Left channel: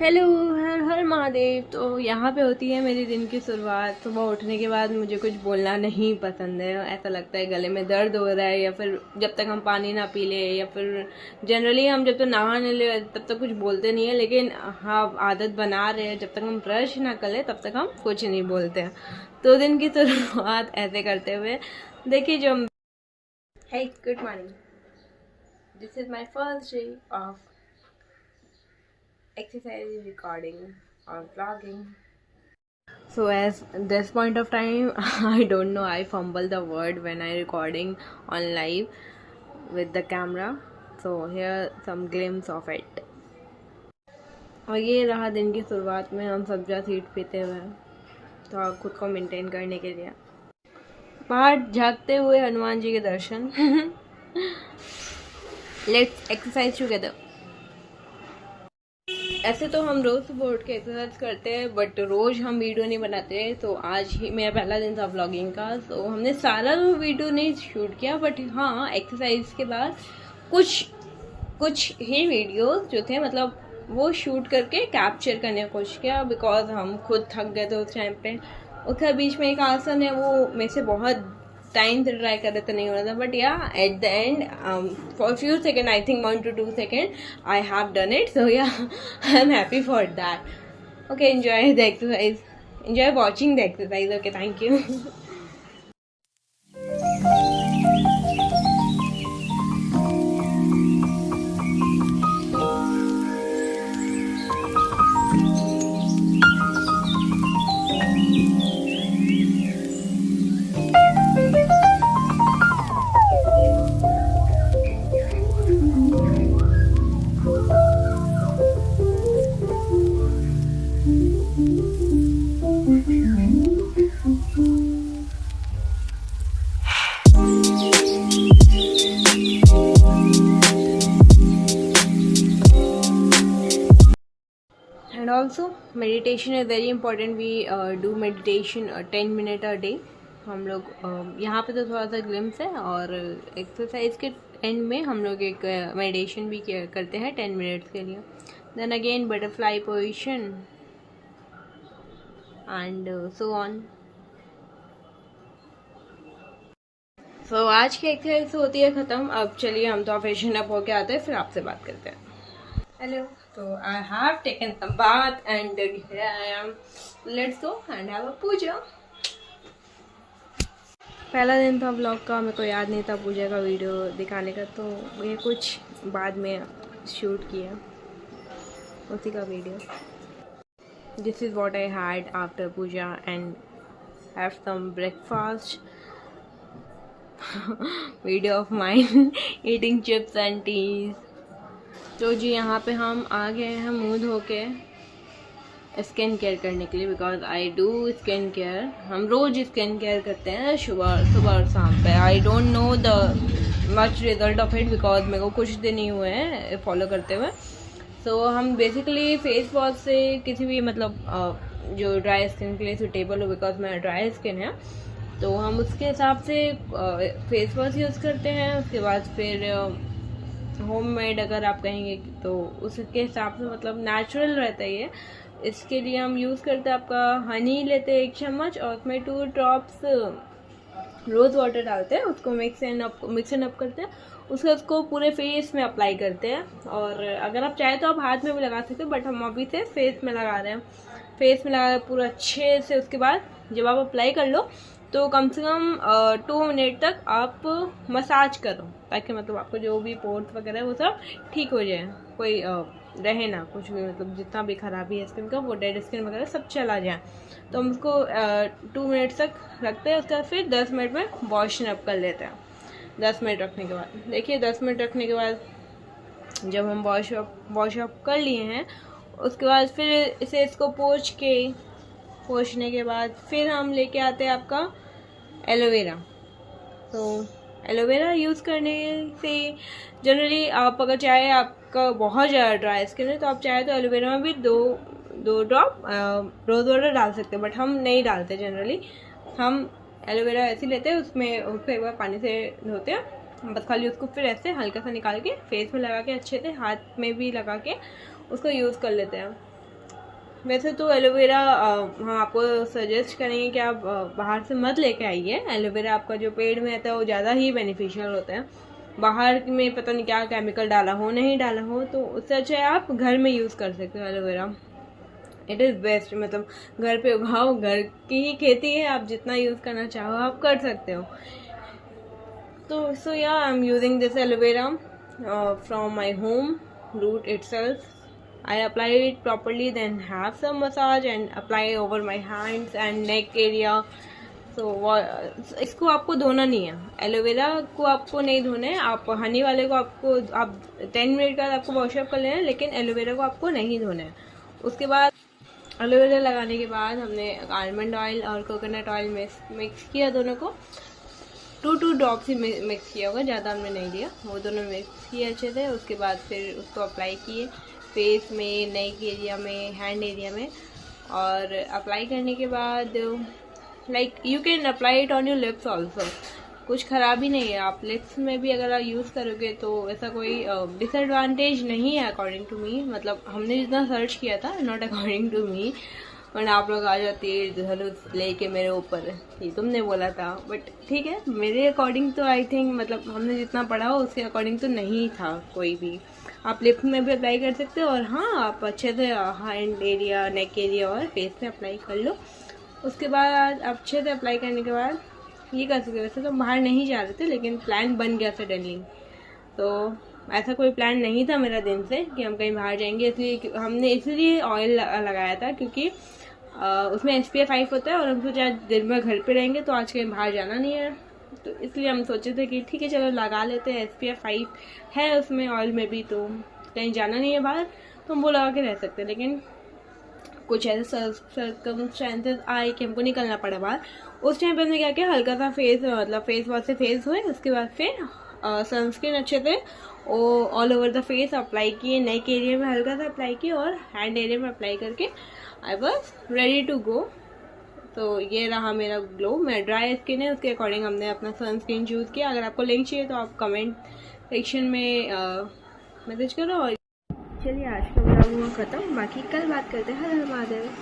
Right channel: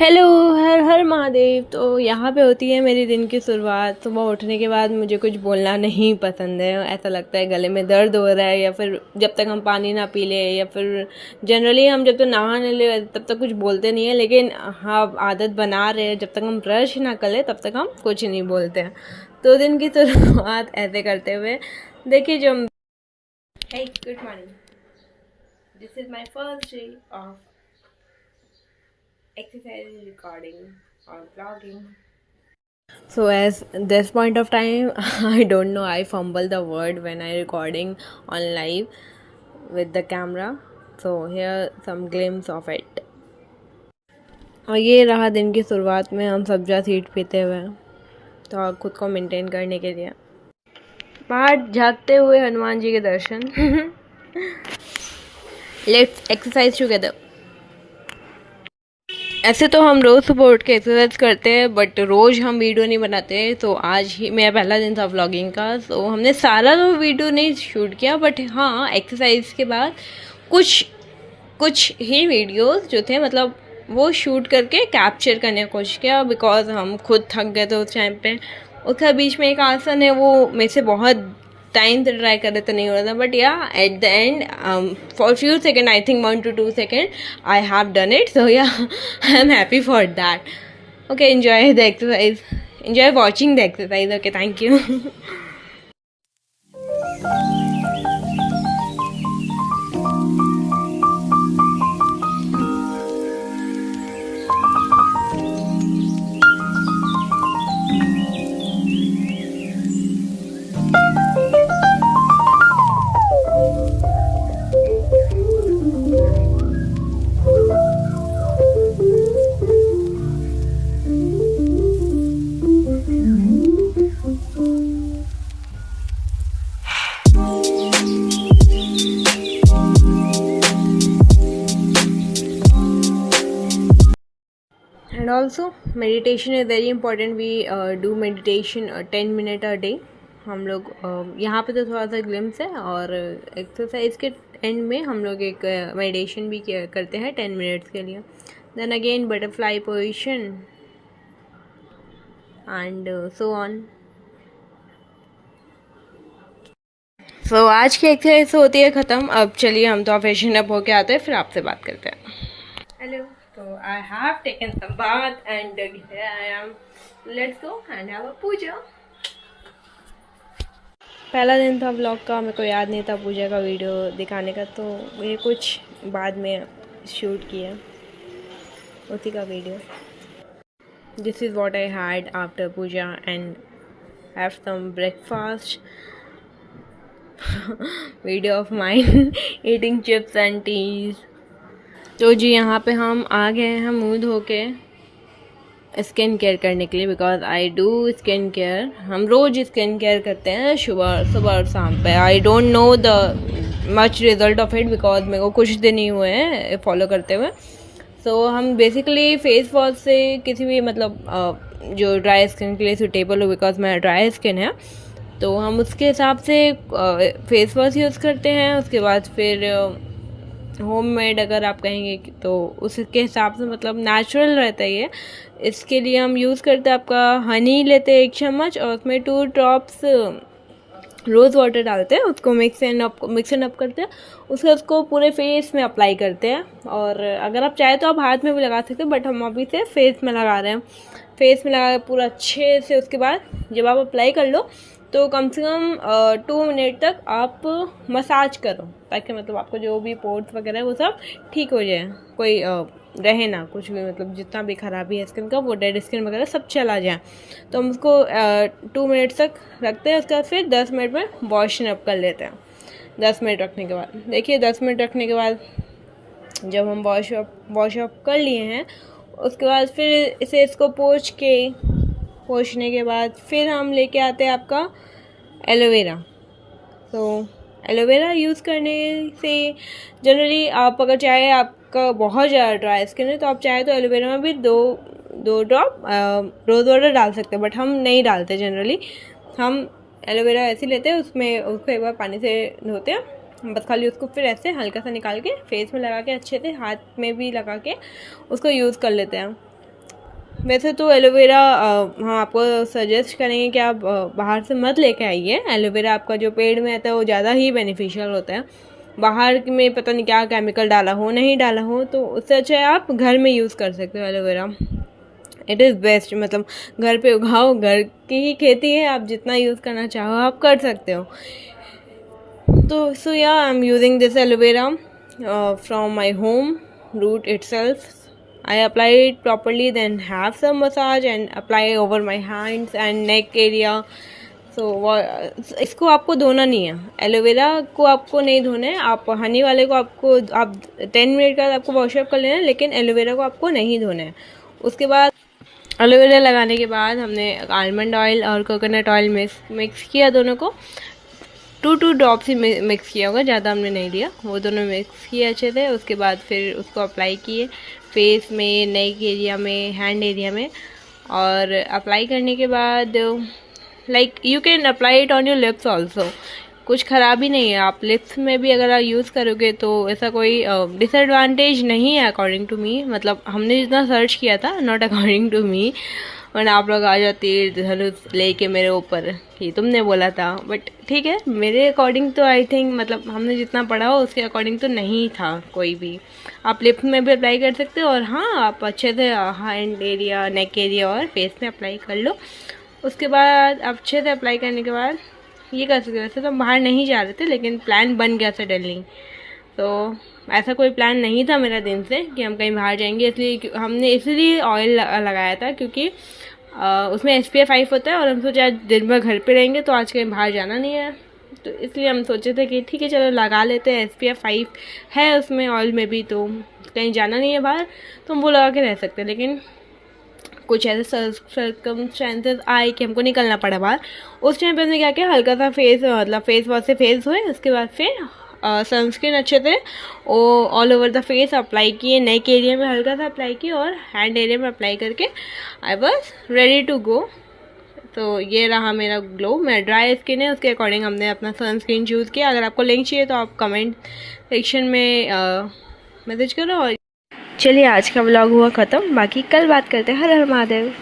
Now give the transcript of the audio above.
Hello, हर हर महादेव। तो यहाँ पे होती है मेरी दिन की शुरुआत। सुबह उठने के बाद मुझे कुछ बोलना नहीं पसंद है। ऐसा लगता है गले में दर्द हो रहा है, या फिर जब तक हम पानी ना पी लें, या फिर जनरली हम जब तक नहा न ले तब तक कुछ बोलते नहीं है। लेकिन हाँ, आदत बना रहे हैं, जब तक हम ब्रश ना कर ले तब तक हम कुछ नहीं बोलते हैं। तो दिन की शुरुआत ऐसे करते हुए देखिए जो hey good morning, this is my first day of exercise recording or vlogging. So as this point of time I don't know, I fumble the word when I recording on live with the camera. So here some glimpse of it. और ये रहा दिन की शुरुआत में हम सब्जा seat पीते हुए, तो खुद को मेंटेन करने के लिए बाहर झाँकते हुए हनुमान जी के दर्शन। Let's exercise together. ऐसे तो हम रोज़ सुबह उठ के एक्सरसाइज करते हैं, बट रोज़ हम वीडियो नहीं बनाते। तो आज ही मेरा पहला दिन था व्लॉगिंग का, तो हमने सारा तो वीडियो नहीं शूट किया, बट हाँ एक्सरसाइज के बाद कुछ कुछ ही वीडियोस जो थे, मतलब वो शूट करके कैप्चर करने की कोशिश किया, बिकॉज हम खुद थक गए थे उस टाइम पे। उसका बीच में एक आसन है, वो मेरे से बहुत टाइम से ट्राई कर रहे थे, नहीं हो रहा था, but yeah at the end for few second, I think 1 to 2 seconds, I have done it. So yeah I am happy for that. Okay, enjoy the exercise, enjoy watching the exercise. Okay, thank you. And also meditation is very important. We do meditation 10 minutes a day. हम लोग यहाँ पे तो थोड़ा सा glimpse है, और exercise के एंड में हम लोग एक मेडिटेशन भी करते हैं 10 मिनट्स के लिए। Then again butterfly position and so on. So आज की एक्सरसाइज होती है ख़त्म। अब चलिए हम तो फैशन अप होके आते हैं, फिर आपसे बात करते हैं। हेलो, तो I have taken some bath and here I am. Let's go and have a puja. पहला दिन था व्लॉग का, मेरे को याद नहीं था पूजा का वीडियो दिखाने का, तो ये कुछ बाद में शूट किया उसी का video. This is what I had after puja and have some breakfast. Video of mine eating chips and teas. तो जी यहाँ पे हम आ गए हैं मुँह धो के स्किन केयर करने के लिए, because I do skin care. हम रोज़ स्किन केयर करते हैं सुबह सुबह और शाम पे। I don't know the much result of it, because मेरे को कुछ दिन ही हुए हैं फॉलो करते हुए। सो हम बेसिकली फेस वॉश से किसी भी, मतलब जो ड्राई स्किन के लिए सूटेबल हो, बिकॉज मेरा ड्राई स्किन है, तो हम उसके हिसाब से फेस वॉश यूज़ करते हैं। उसके बाद फिर होममेड अगर आप कहेंगे तो उसके हिसाब से, मतलब नेचुरल रहता है ये। इसके लिए हम यूज़ करते हैं, आपका हनी लेते हैं 1 चम्मच, और उसमें 2 ड्रॉप्स रोज़ वाटर डालते हैं, उसको मिक्स एंड अप करते हैं। उसको पूरे फेस में अप्लाई करते हैं, और अगर आप चाहे तो आप हाथ में भी लगा सकते हैं, बट हम अभी से फेस में लगा रहे हैं। फेस में लगा पूरा अच्छे से। उसके बाद जब आप अप्लाई कर लो तो कम से कम 2 मिनट तक आप मसाज करो, ताकि मतलब आपको जो भी पोर्स वगैरह है वो सब ठीक हो जाए, कोई रहे ना कुछ भी, मतलब जितना भी खराबी है स्किन का, वो डेड स्किन वगैरह सब चला जाए। तो हम उसको 2 मिनट तक रखते हैं। उसके बाद फिर 10 मिनट में वॉश अप कर लेते हैं। 10 मिनट रखने के बाद देखिए, 10 मिनट रखने के बाद जब हम वॉश अप कर लिए हैं, उसके बाद फिर इसको पोंछने के बाद फिर हम लेके आते हैं आपका एलोवेरा। तो एलोवेरा यूज़ करने से जनरली आप अगर चाहे, आपका बहुत ज़्यादा ड्राई स्किन है, तो आप चाहे तो एलोवेरा में भी दो ड्रॉप रोज़ वाटर डाल सकते हैं, बट हम नहीं डालते जनरली। हम एलोवेरा ऐसे लेते हैं, उसको एक बार पानी से धोते हैं, बस खाली उसको फिर ऐसे हल्का सा निकाल के फेस में लगा के, अच्छे से हाथ में भी लगा के उसको यूज़ कर लेते हैं। वैसे तो एलोवेरा हम आपको सजेस्ट करेंगे कि आप बाहर से मत लेके आइए। एलोवेरा आपका जो पेड़ में आता है वो ज़्यादा ही बेनिफिशियल होता है। बाहर में पता नहीं क्या केमिकल डाला हो नहीं डाला हो, तो उससे अच्छा है आप घर में यूज़ कर सकते हो एलोवेरा। इट इज़ बेस्ट, मतलब घर पे उगाओ, घर की ही खेती है, आप जितना यूज़ करना चाहो आप कर सकते हो। तो सो yeah I am using this aloe vera from my home root itself. I apply it properly, then have some massage and apply over my hands and neck area. So इसको आपको धोना नहीं है, एलोवेरा को आपको नहीं धोना है। आप हनी वाले को आपको आप 10 मिनट का आपको वॉशअप कर लेना है, लेकिन एलोवेरा को आपको नहीं धोना है। उसके बाद एलोवेरा लगाने के बाद हमने आलमंड ऑयल और कोकोनट ऑयल मिक्स किया, दोनों को 2 ड्रॉप्स ही मिक्स किया होगा, ज़्यादा हमने नहीं लिया। वो दोनों मिक्स किए अच्छे से। उसके बाद फिर उसको अप्लाई किए फेस में, नेक एरिया में, हैंड एरिया में। और अप्लाई करने के बाद like you can apply it on your lips also, कुछ ख़राब ही नहीं है। आप लिप्स में भी अगर आप यूज़ करोगे तो ऐसा कोई डिसएडवांटेज नहीं है अकॉर्डिंग टू मी। मतलब हमने जितना सर्च किया था, नॉट अकॉर्डिंग टू मी, वरना आप लोग आ जाते धनुष लेके मेरे ऊपर कि तुमने बोला था। बट ठीक है, मेरे अकॉर्डिंग तो आई थिंक, मतलब हमने जितना पढ़ा हो उसके अकॉर्डिंग तो नहीं था कोई भी। आप लिप्स में भी अप्लाई कर सकते हो, और हाँ आप अच्छे से हैंड एरिया, नेक एरिया और फेस में अप्लाई कर लो। उसके बाद अच्छे से अप्लाई करने के बाद ये कर सकते हो। वैसे तो हम बाहर नहीं जा रहे थे, लेकिन प्लान बन गया सडनली। तो ऐसा कोई प्लान नहीं था मेरा दिन से कि हम कहीं बाहर जाएंगे, इसलिए हमने इसलिए ऑयल लगाया था क्योंकि उसमें SPF 5 होता है, और हम सोचा दिन भर घर पे रहेंगे तो आज कहीं बाहर जाना नहीं है, तो इसलिए हम सोचे थे कि ठीक है चलो लगा लेते हैं। SPF 5 है उसमें ऑयल में भी, तो कहीं जाना नहीं है बाहर तो हम वो लगा के रह सकते हैं। लेकिन कुछ ऐसे सर्कमस्टेंसेस आए कि हमको निकलना पड़ा बाहर। उस टाइम पे हमने क्या किया, हल्का सा फेस, मतलब फेस वॉश से फेस धोए। उसके बाद फिर सनस्क्रीन अच्छे से all over the face apply किए, नेक एरिया में हल्का सा अप्लाई किए और हैंड एरिया में अप्लाई करके I was ready to go. तो ये रहा मेरा ग्लो। मेरा ड्राई स्किन है, उसके अकॉर्डिंग हमने अपना सनस्क्रीन चूज़ किया। अगर आपको लिंक चाहिए तो आप कमेंट सेक्शन में मैसेज करो। और चलिए आज का व्लॉग हुआ ख़त्म, बाकी कल बात करते हैं। हर हर महादेव।